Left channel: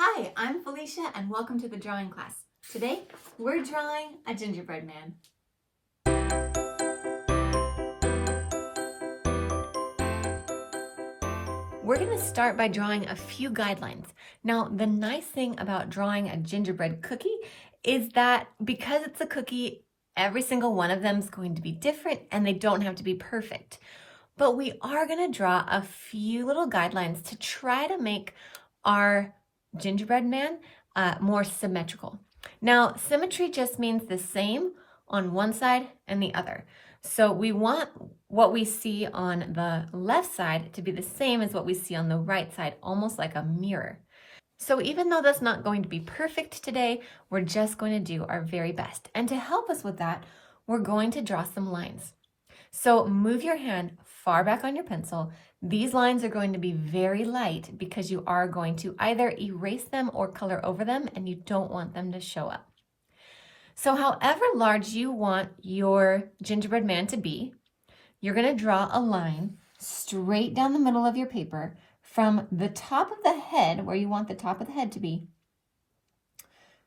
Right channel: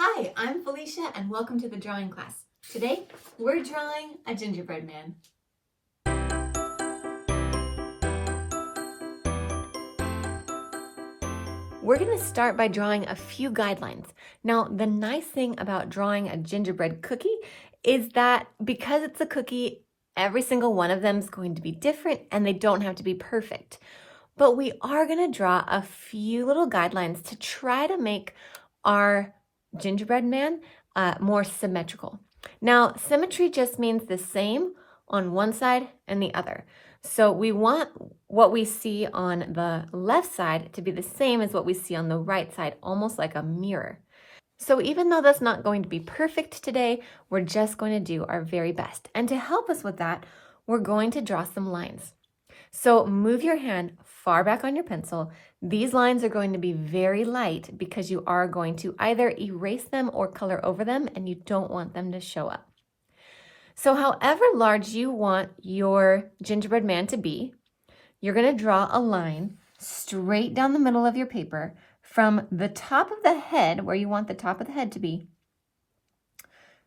Hi, I'm Felicia and welcome to the drawing class. Today, we're drawing a gingerbread man. We're going to start by drawing a few guidelines. Now, the nice thing about drawing a gingerbread cookie is that because it's a cookie, every single one of them is going to be different and they don't have to be perfect. But we are going to draw a few little guidelines to try to make our gingerbread man more symmetrical. Now, symmetry just means the same on one side and the other. So we want what we see on the left side to be the same as what we see on the right side, almost like a mirror. So even though that's not going to be perfect today, we're just going to do our very best. And to help us with that, we're going to draw some lines. So move your hand far back on your pencil. These lines are going to be very light because you are going to either erase them or color over them, and you don't want them to show up. So however large you want your gingerbread man to be, you're going to draw a line straight down the middle of your paper from the top of the head, where you want the top of the head to be,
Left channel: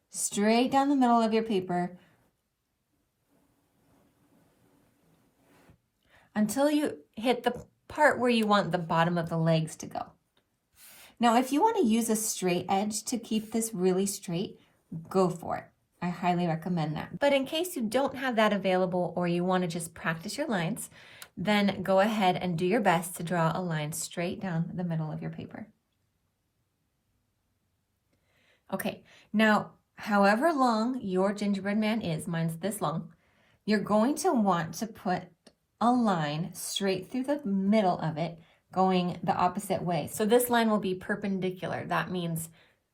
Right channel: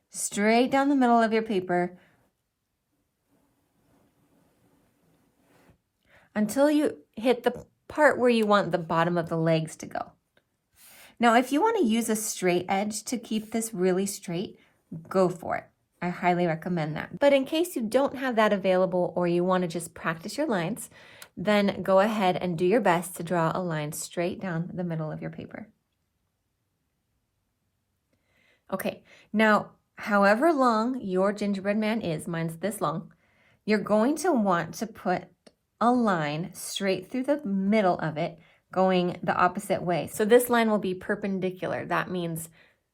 straight down the middle of your paper until you hit the part where you want the bottom of the legs to go. Now, if you want to use a straight edge to keep this really straight, go for it. I highly recommend that. But in case you don't have that available or you want to just practice your lines, then go ahead and do your best to draw a line straight down the middle of your paper. Okay, now, however long your gingerbread man is, mine's this long, you're going to want to put a line straight through the middle of it, going the opposite way. So this line will be perpendicular. That means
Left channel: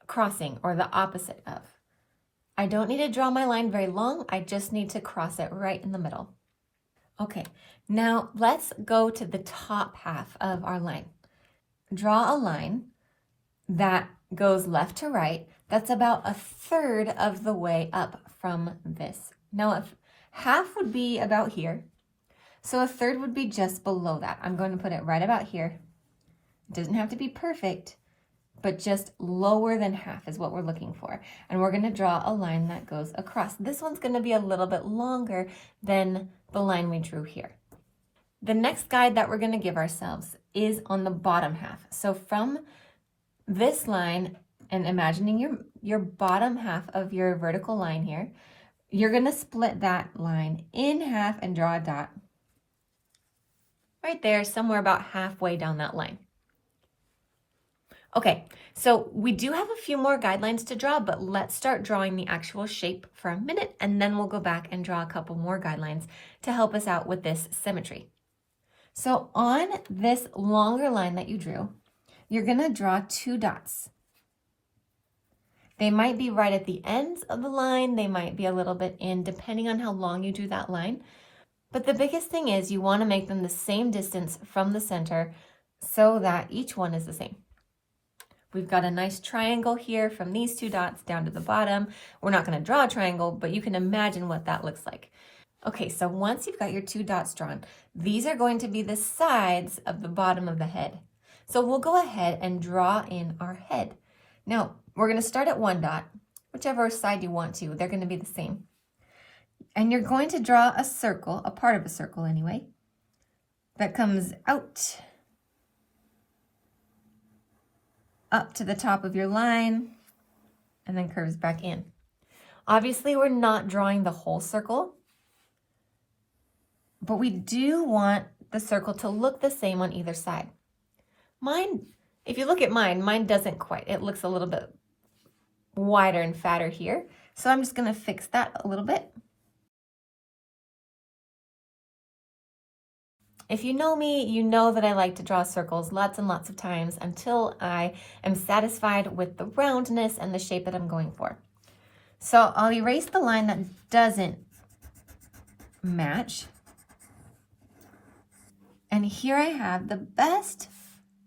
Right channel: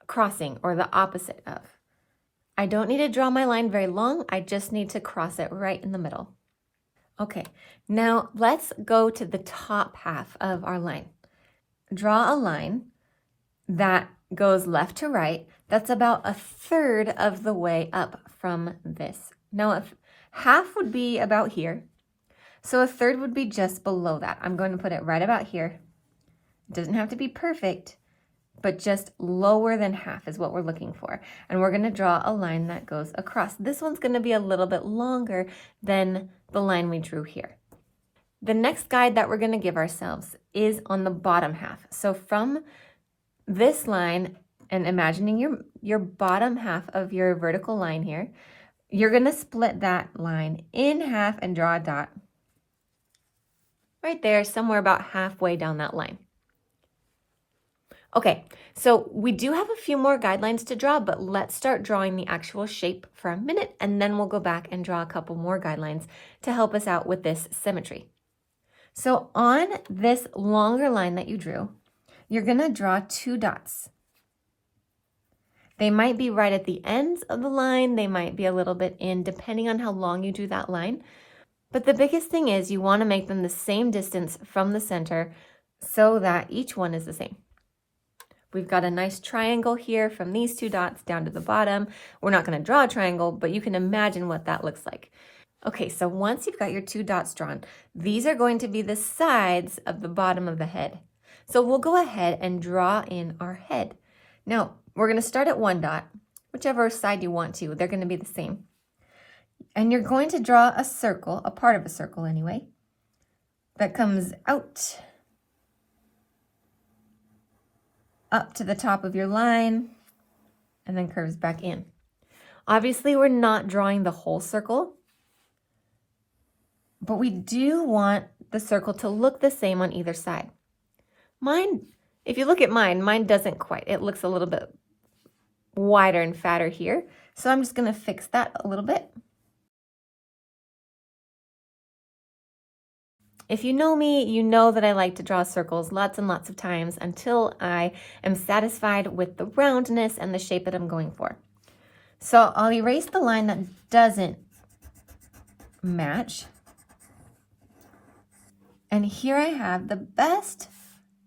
crossing or the opposite of. I don't need to draw my line very long. I just need to cross it right in the middle. Okay, now let's go to the top half of our line. Draw a line that goes left to right. That's about a third of the way up from this. Now, if half would be about here, so a third would be just below that. I'm going to put it right about here. It doesn't have to be perfect, but just lower than half is what we're looking for. And we're going to draw a line that goes across. This one's going to be a little bit longer than the line we drew here. The next guide that we're going to give ourselves is on the bottom half. So from this line, and imagining your bottom half of your vertical line here, you're going to split that line in half and draw a dot right there, somewhere about halfway down that line. Okay, so we do have a few more guidelines to draw, but let's start drawing the actual shape for a minute, and then we'll go back and draw a couple more guidelines to help us out with this symmetry. So on this longer line that you drew, you're going to draw two dots. They might be right at the ends of the line. They might be a little bit in, depending on how long you drew that line. But the biggest thing is you want to make them the same distance from the center so that each one is the same. We've got a nice triangle here from these two dots down to the bottom. We're not going to draw a triangle, but you can imagine what that looks like. Okay, so once you've got your two dots drawn, these are going to be the sides of the bottom of the head. So we'll go ahead and draw in our head. Now, we're going to start at one dot, whichever side you want to. They're going to be the same. And you're going to draw a circle, a part of a circle anyway, that comes out up to the top of your line and then curves back in. Obviously, we're not drawing the whole circle, but we do want the circle to look the same on either side. Mine, if you look at mine doesn't quite. It looks a little bit wider and fatter here. So I'm just going to fix that a little bit. If you know me, you know that I like to draw circles lots and lots of times until I am satisfied with the roundness and the shape that I'm going for. So I'll erase the line that doesn't match. And here I have the best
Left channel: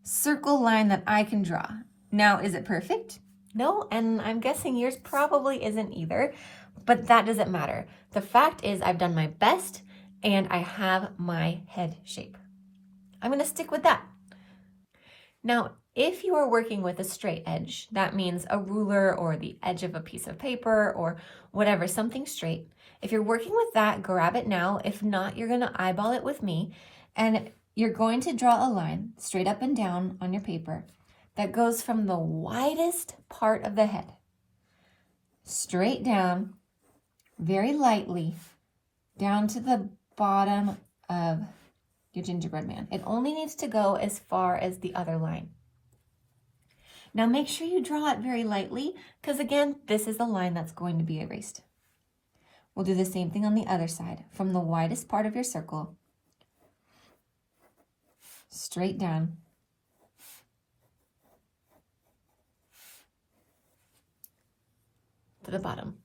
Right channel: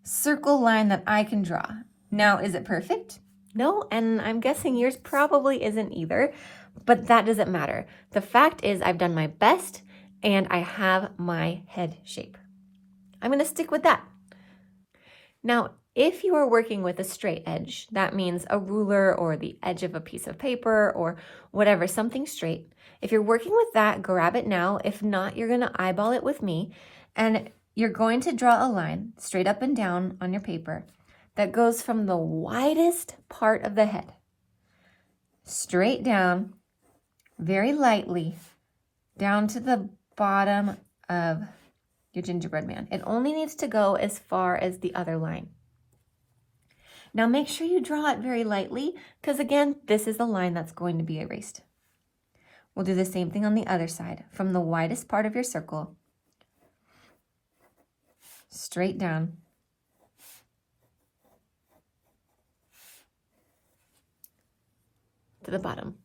circle line that I can draw. Now, is it perfect? No, and I'm guessing yours probably isn't either, but that doesn't matter. The fact is I've done my best and I have my head shape. I'm going to stick with that. Now, If you are working with a straight edge, that means a ruler or the edge of a piece of paper or whatever, something straight. If you're working with that, grab it now. If not, you're going to eyeball it with me, and you're going to draw a line straight up and down on your paper that goes from the widest part of the head straight down, very lightly, down to the bottom of your gingerbread man. It only needs to go as far as the other line. Now make sure you draw it very lightly, because again, this is the line that's going to be erased. We'll do the same thing on the other side. From the widest part of your circle, straight down, to the bottom.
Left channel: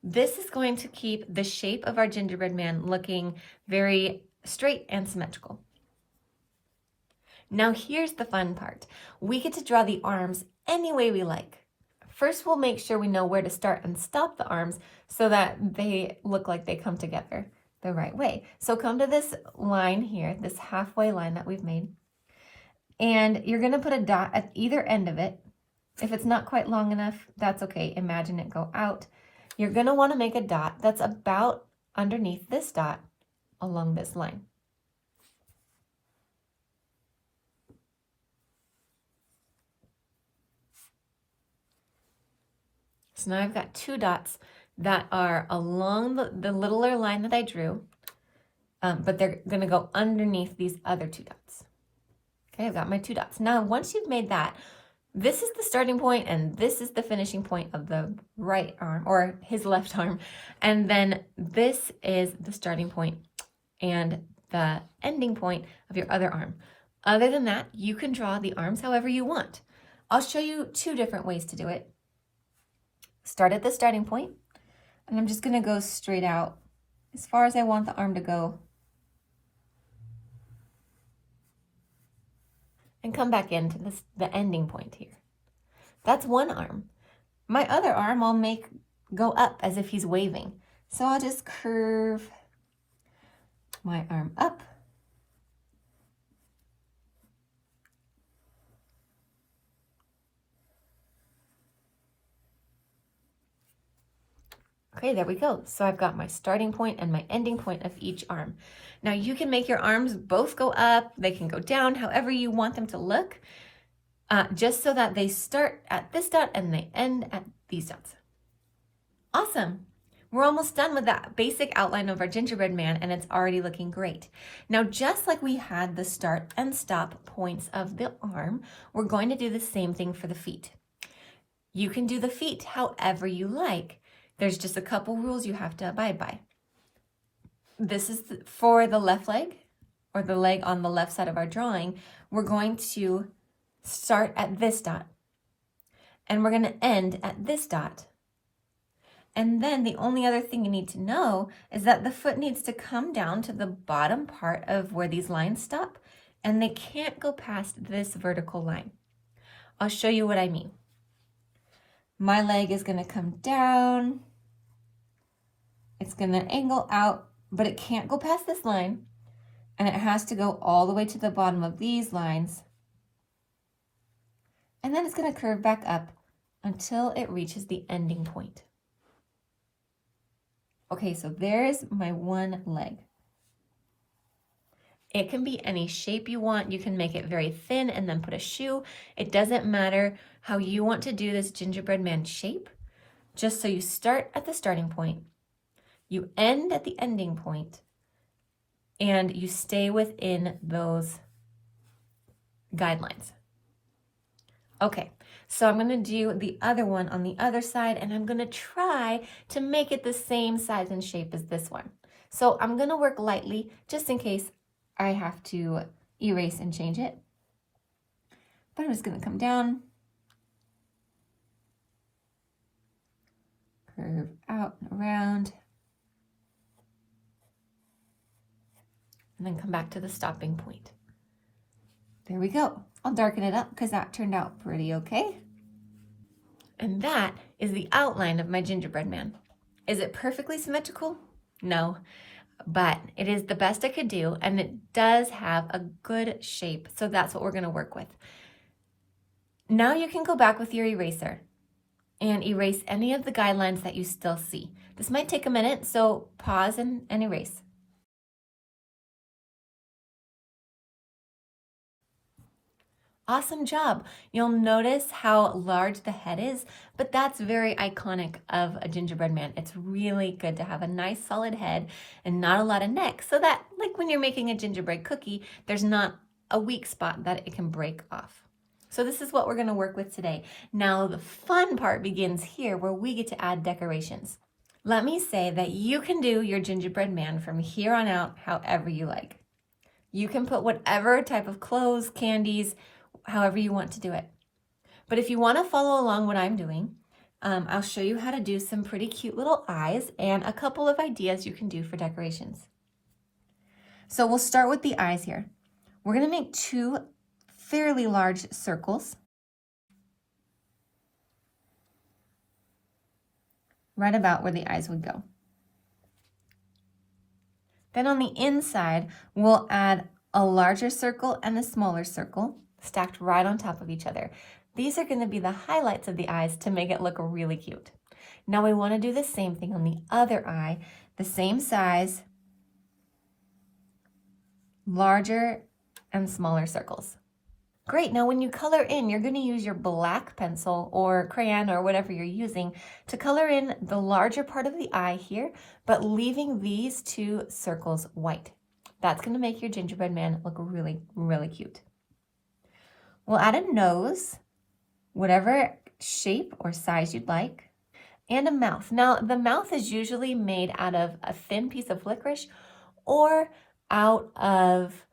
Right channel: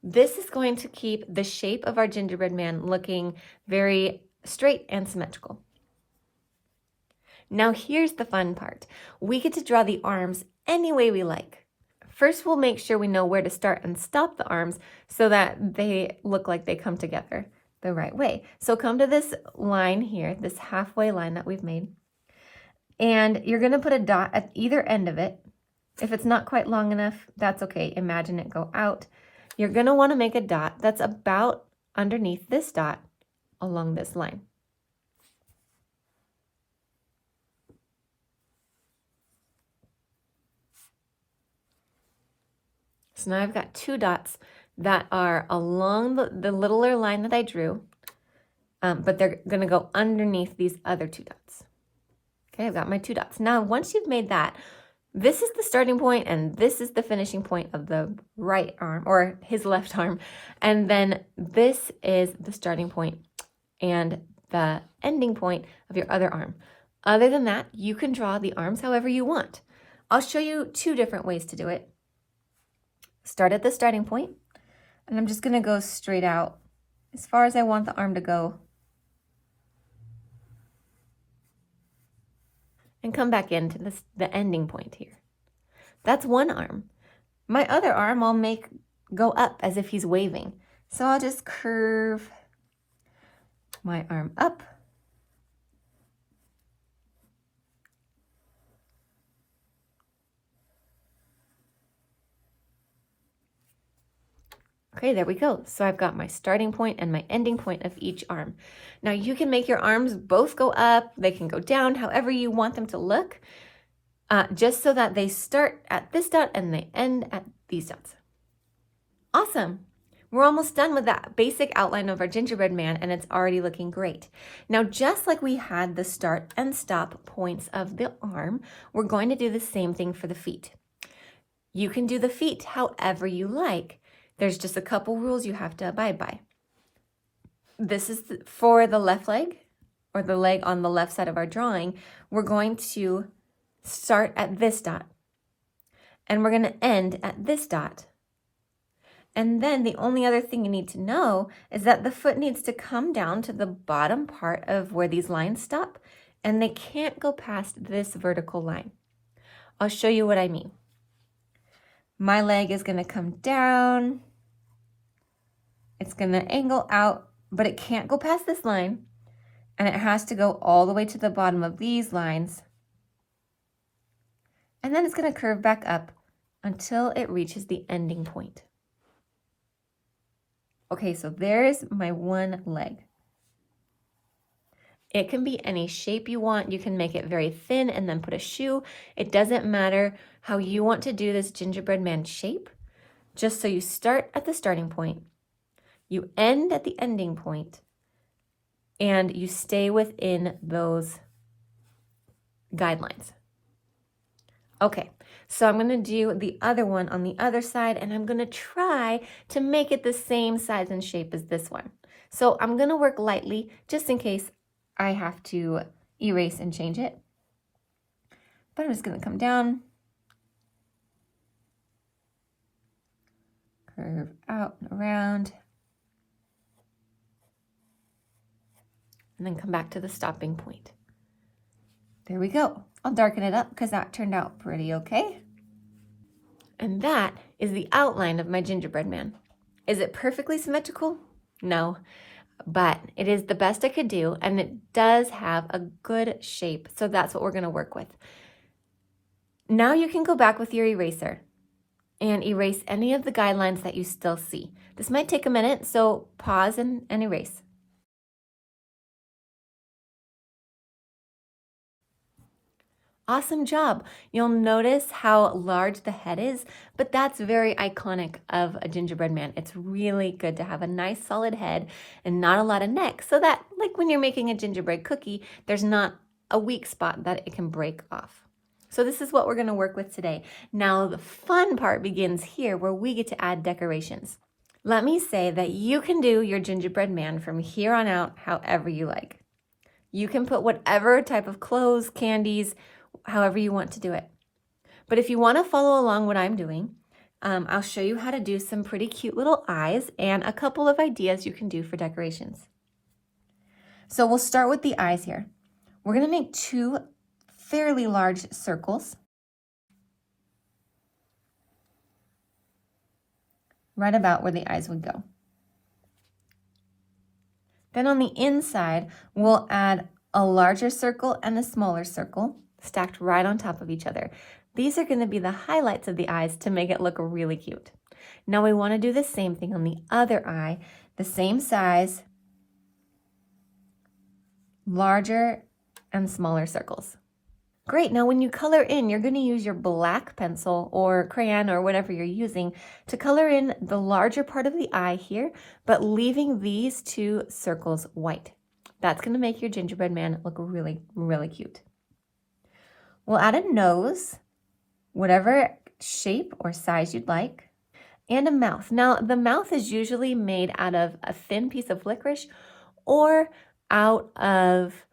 This is going to keep the shape of our gingerbread man looking very straight and symmetrical. Now here's the fun part. We get to draw the arms any way we like. First, we'll make sure we know where to start and stop the arms so that they look like they come together the right way. So come to this line here, this halfway line that we've made, and you're going to put a dot at either end of it. If it's not quite long enough, that's okay. Imagine it go out. You're going to want to make a dot that's about underneath this dot along this line. So now I've got two dots that are along the littler line that I drew, but they're going to go underneath these other two dots. Okay, I've got my two dots. Now, once you've made that, this is the starting point and this is the finishing point of the right arm, or his left arm. And then this is the starting point and the ending point of your other arm. Other than that, you can draw the arms however you want. I'll show you two different ways to do it. Start at the starting point, and I'm just going to go straight out as far as I want the arm to go, and come back into the ending point here. That's one arm. My other arm I'll make go up as if he's waving. So I'll just curve my arm up. Okay, there we go. So I've got my starting point and my ending point of each arm. Now you can make your arms both go up, they can go down, however you want them to look, just so that they start at this dot and they end at these dots. Awesome. We're almost done with that basic outline of our gingerbread man, and it's already looking great. Now, just like we had the start and stop points of the arm, we're going to do the same thing for the feet. You can do the feet however you like. There's just a couple rules you have to abide by. This is for the left leg, or the leg on the left side of our drawing. We're going to start at this dot, and we're going to end at this dot. And then the only other thing you need to know is that the foot needs to come down to the bottom part of where these lines stop, and they can't go past this vertical line. I'll show you what I mean. My leg is going to come down. It's going to angle out, but it can't go past this line, and it has to go all the way to the bottom of these lines. And then it's going to curve back up until it reaches the ending point. Okay, so there's my one leg. It can be any shape you want. You can make it very thin and then put a shoe. It doesn't matter how you want to do this gingerbread man shape. Just so you start at the starting point, you end at the ending point, and you stay within those guidelines. Okay, so I'm going to do the other one on the other side, and I'm going to try to make it the same size and shape as this one. So I'm going to work lightly just in case I have to erase and change it. But I'm just going to come down, curve out and around, and then come back to the stopping point. There we go. I'll darken it up because that turned out pretty okay. And that is the outline of my gingerbread man. Is it perfectly symmetrical? No, but it is the best I could do, and it does have a good shape. So that's what we're going to work with. Now you can go back with your eraser and erase any of the guidelines that you still see. This might take a minute, so pause and erase. Awesome job. You'll notice how large the head is, but that's very iconic of a gingerbread man. It's really good to have a nice solid head and not a lot of neck, so that like when you're making a gingerbread cookie, there's not a weak spot that it can break off. So this is what we're going to work with today. Now the fun part begins here where we get to add decorations. Let me say that you can do your gingerbread man from here on out however you like. You can put whatever type of clothes, candies, however you want to do it. But if you want to follow along what I'm doing, I'll show you how to do some pretty cute little eyes and a couple of ideas you can do for decorations. So we'll start with the eyes here. We're going to make two fairly large circles right about where the eyes would go. Then on the inside, we'll add a larger circle and a smaller circle stacked right on top of each other. These are going to be the highlights of the eyes to make it look really cute. Now we want to do the same thing on the other eye, the same size, larger and smaller circles. Great, now when you color in, you're going to use your black pencil or crayon or whatever you're using to color in the larger part of the eye here, but leaving these two circles white. That's going to make your gingerbread man look really, really cute. We'll add a nose, whatever shape or size you'd like, and a mouth. Now, the mouth is usually made out of a thin piece of licorice or out of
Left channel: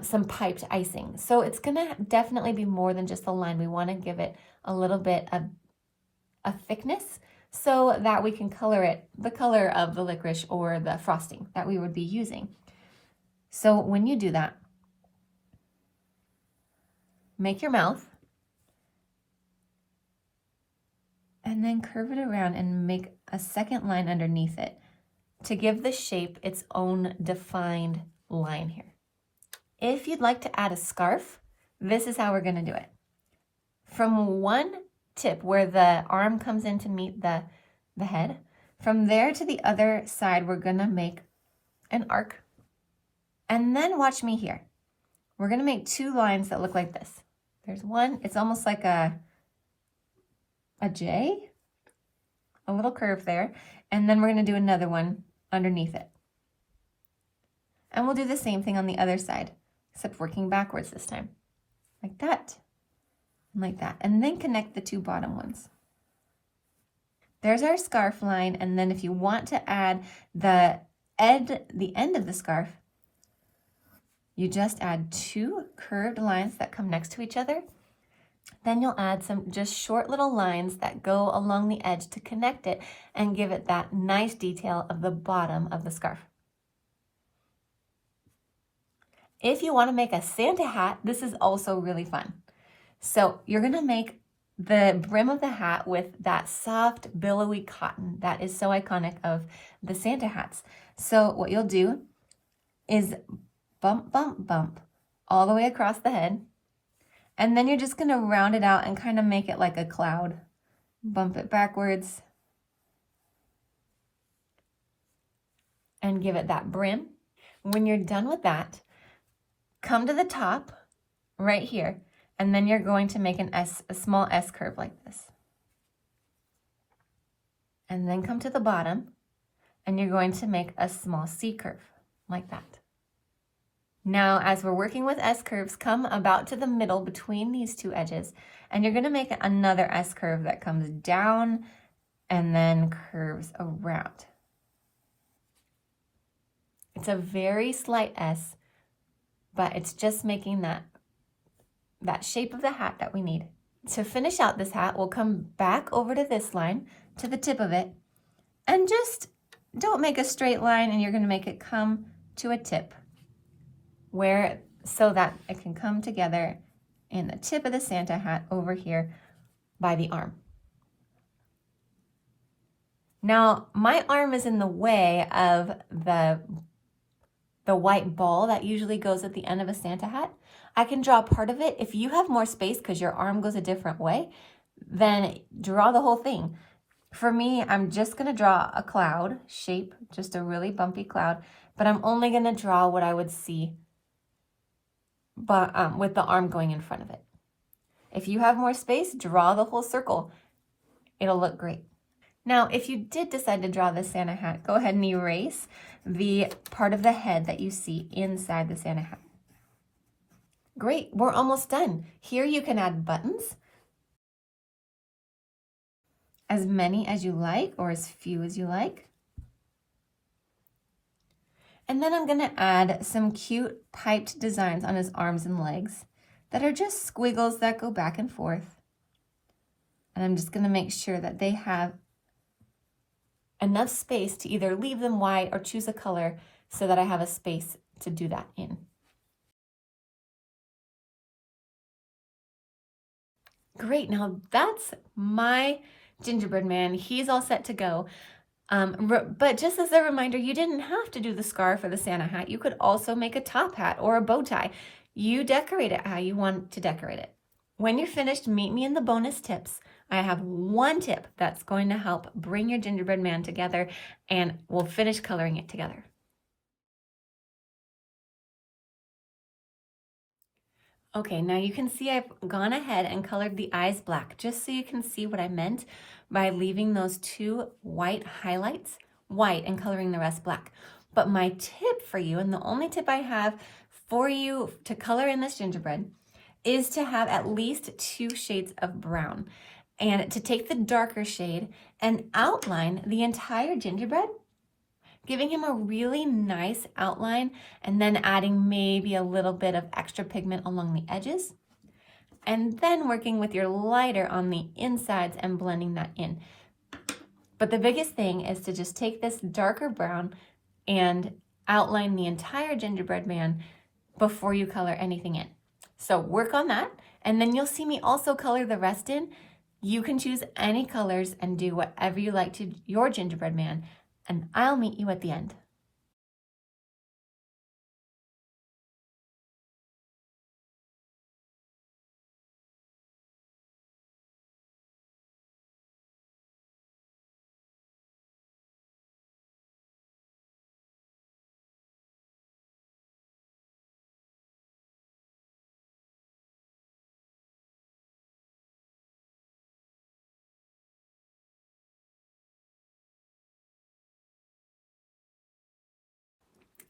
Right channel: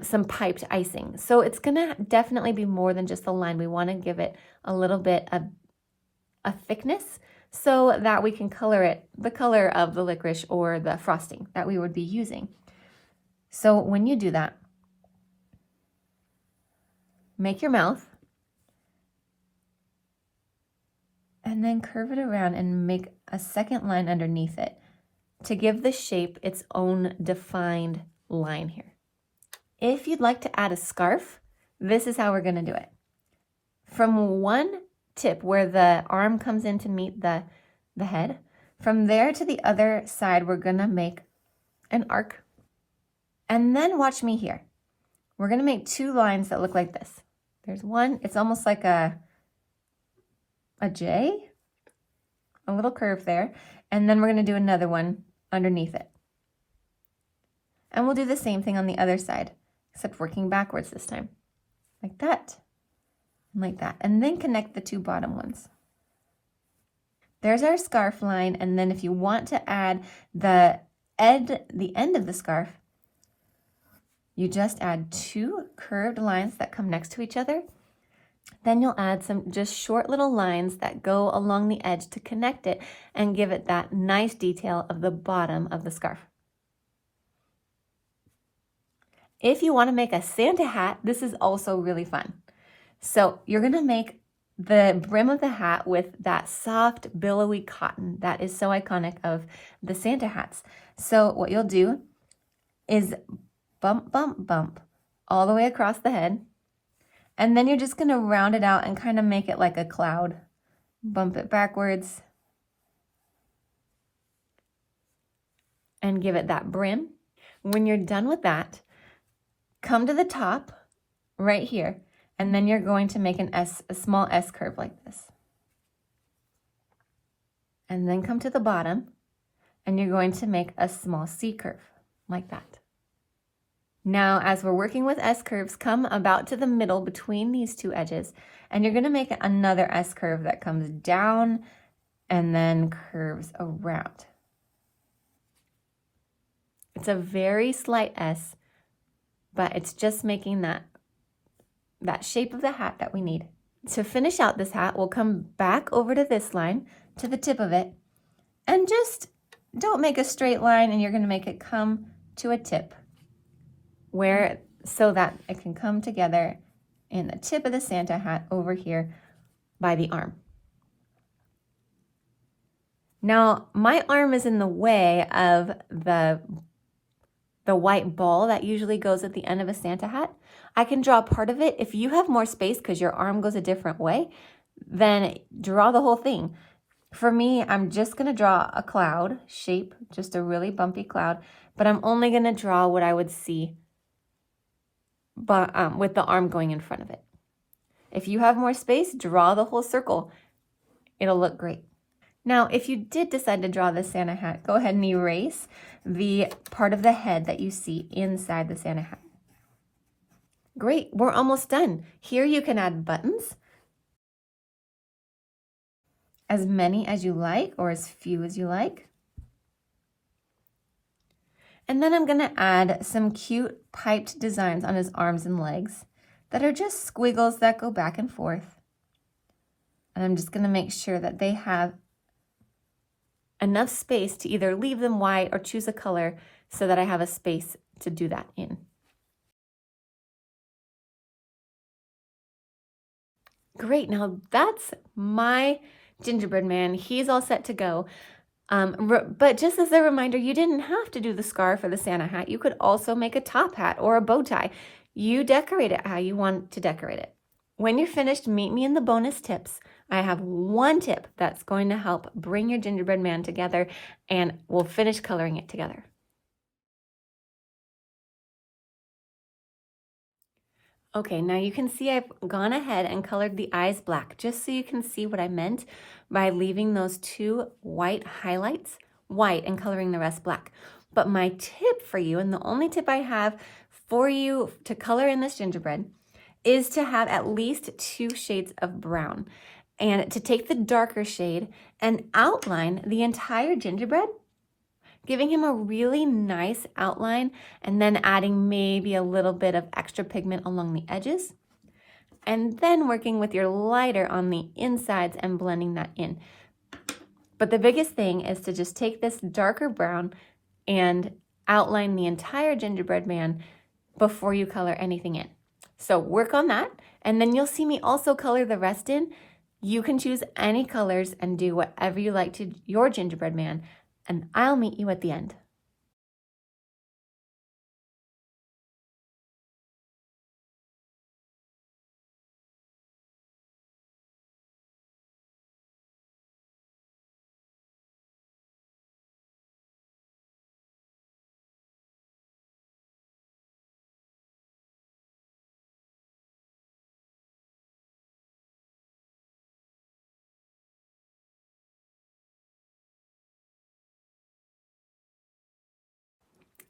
some piped icing. So it's gonna definitely be more than just a line. We wanna give it a little bit of a thickness so that we can color it the color of the licorice or the frosting that we would be using. So when you do that, make your mouth and then curve it around and make a second line underneath it to give the shape its own defined line here. If you'd like to add a scarf, this is how we're going to do it. From one tip where the arm comes in to meet the head, from there to the other side, we're going to make an arc. And then watch me here. We're going to make two lines that look like this. There's one, it's almost like a J, a little curve there. And then we're going to do another one underneath it. And we'll do the same thing on the other side, except working backwards this time, like that, and like that, and then connect the two bottom ones. There's our scarf line, and then if you want to add the end of the scarf, you just add two curved lines that come next to each other. Then you'll add some just short little lines that go along the edge to connect it and give it that nice detail of the bottom of the scarf. If you want to make a Santa hat, this is also really fun. So you're going to make the brim of the hat with that soft, billowy cotton that is so iconic of the Santa hats. So what you'll do is bump, bump, bump all the way across the head. And then you're just going to round it out and kind of make it like a cloud. Bump it backwards and give it that brim. When you're done with that, come to the top right here, and then you're going to make a small S curve like this. And then come to the bottom, and you're going to make a small C curve like that. Now, as we're working with S curves, come about to the middle between these two edges, and you're going to make another S curve that comes down and then curves around. It's a very slight S, but it's just making that shape of the hat that we need. To finish out this hat, we'll come back over to this line, to the tip of it, and just don't make a straight line, and you're going to make it come to a tip so that it can come together in the tip of the Santa hat over here by the arm. Now, my arm is in the way of the white ball that usually goes at the end of a Santa hat. I can draw part of it. If you have more space because your arm goes a different way, then draw the whole thing. For me, I'm just going to draw a cloud shape, just a really bumpy cloud, but I'm only going to draw what I would see with the arm going in front of it. If you have more space, draw the whole circle. It'll look great. Now, if you did decide to draw the Santa hat, go ahead and erase the part of the head that you see inside the Santa hat. Great, we're almost done. Here you can add buttons, as many as you like or as few as you like. And then I'm gonna add some cute piped designs on his arms and legs that are just squiggles that go back and forth. And I'm just gonna make sure that they have enough space to either leave them white or choose a color so that I have a space to do that in. Great, now that's my gingerbread man. He's all set to go. But just as a reminder, you didn't have to do the scarf or the Santa hat. You could also make a top hat or a bow tie. You decorate it how you want to decorate it. When you're finished, meet me in the bonus tips. I have one tip that's going to help bring your gingerbread man together, and we'll finish coloring it together. Okay, now you can see I've gone ahead and colored the eyes black, just so you can see what I meant by leaving those two white highlights white and coloring the rest black. But my tip for you, and the only tip I have for you to color in this gingerbread, is to have at least 2 shades of brown, and to take the darker shade and outline the entire gingerbread, giving him a really nice outline, and then adding maybe a little bit of extra pigment along the edges, and then working with your lighter on the insides and blending that in. But the biggest thing is to just take this darker brown and outline the entire gingerbread man before you color anything in. So work on that, and then you'll see me also color the rest in. You can choose any colors and do whatever you like to your gingerbread man, and I'll meet you at the end.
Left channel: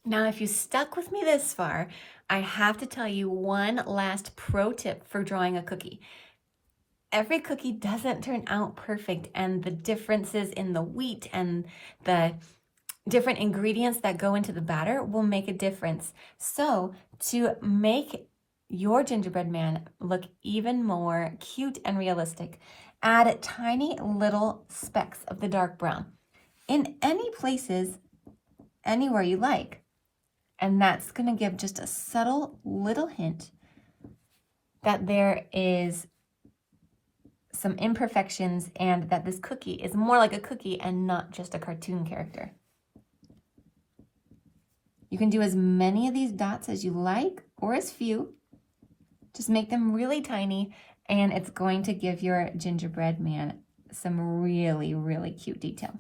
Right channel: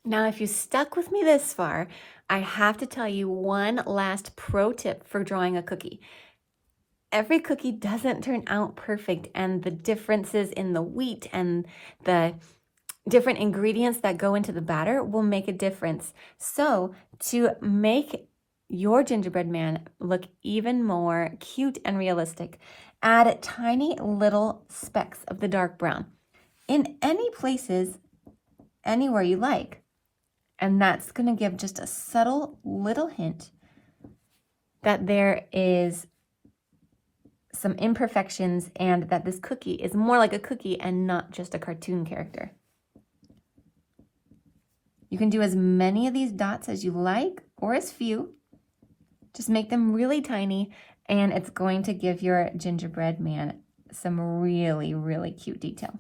Now, if you stuck with me this far, I have to tell you one last pro tip for drawing a cookie. Every cookie doesn't turn out perfect, and the differences in the wheat and the different ingredients that go into the batter will make a difference. So to make your gingerbread man look even more cute and realistic, add tiny little specks of the dark brown in any places, anywhere you like. And that's going to give just a subtle little hint that there is some imperfections and that this cookie is more like a cookie and not just a cartoon character. You can do as many of these dots as you like or as few. Just make them really tiny, and it's going to give your gingerbread man some really, really cute detail.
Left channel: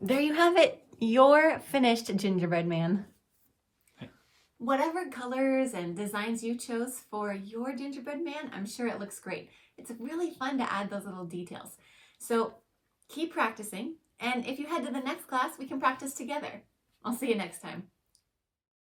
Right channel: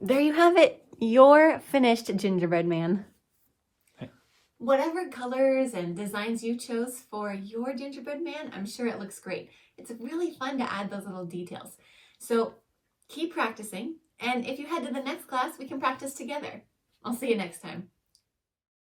There you have it. Your finished gingerbread man. Whatever colors and designs you chose for your gingerbread man, I'm sure it looks great. It's really fun to add those little details. So keep practicing, and if you head to the next class, we can practice together. I'll see you next time.